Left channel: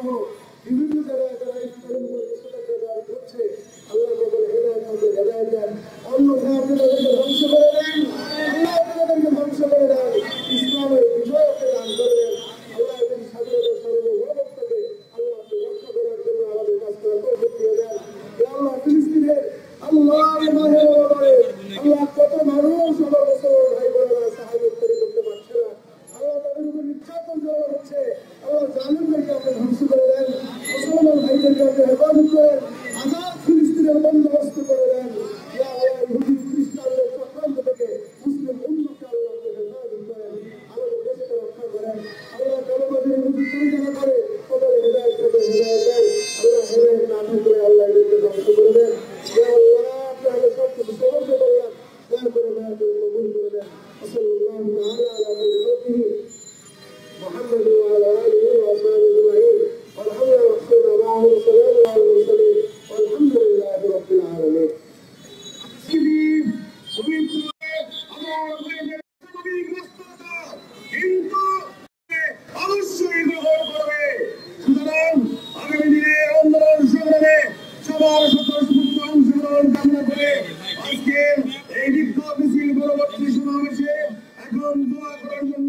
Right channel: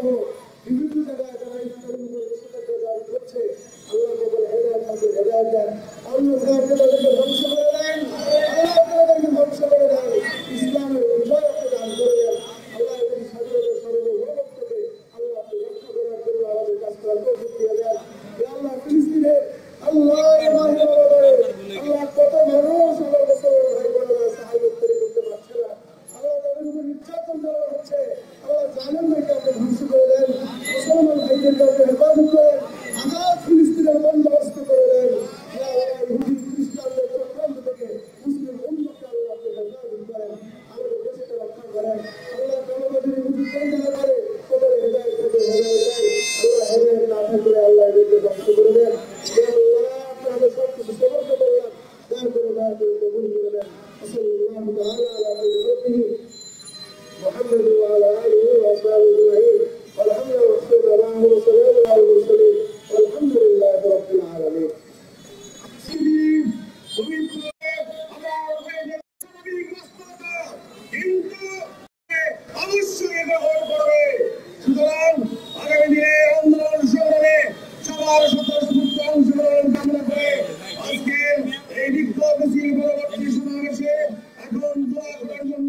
সহ বিভিন্ন জায়গায় যারা হচ্ছে আল্লাহ বলে হেদায়েত আমাদের হেদায়েত দেন, অন্য তাদেরকে ধ্বংস করে দেন, আল্লাহ তাদেরকে ধ্বংস করে দেন, ইসলামের বিজয়কে দান করে দেন। আল্লাহ এবং স্বাধীনতা সার্বভৌমত্বকে আল্লাহ আপনি রক্ষা করার জন্য আমাদের কাছ থেকে তৌফিক দিয়ে দেন। আল্লাহ ফিলিস্তিনের আল্লাহর মাহে আল্লাহ কত মানুষ আমার কাছে ভাই বোনেরা সাহায্য করতে পারছে না, আল্লাহ তাদের উপর নির্যাতন চালানো হচ্ছে, আল্লাহ জালেমদেরকে আপনি ধ্বংস করে দেন, মুসলমান ভাইদেরকে আপনি হেফাজত করেন, আজাদ ফিলিস্তিনের বন্দোবস্ত করে দেন। ইয়া আল্লাহ ইহুদি খ্রিস্টানদের চক্রান্ত থেকে মুসলিম উম্মতকে আল্লাহ আপনি হেফাজত করেন, আমাদের দেশকে রক্ষা করেন। আল্লাহ কলমাদের ইহুদি পরিচালনা করে কবরে হিদায়াত দেয়, আল্লাহ হেদায়েত না থাকলে আল্লাহ এদেরকে ধ্বংস করে দেন। ইয়া আল্লাহ আপনি আমাদের সব কিছু সহজ করলেন, দয়া করে কবুল করে দেন। সাল্লাল্লাহু তাআলা আলা সাইয়্যিদিহি محمد وعلى آله وأصحابه أجمعين والحمد لله والسلام على المرسلين والحمد لله رب العالمين. অবশ্যই গ্রহণ করবে। সুতরাং আগামী দিনে আন্দোলন সংগ্রামে সবার স্বতঃস্ফূর্ত অংশগ্রহণ কামনা করে আজকের এই বিক্ষোভ মিছিল পরবর্তী সমাবেশে এখন দোয়া করার জন্য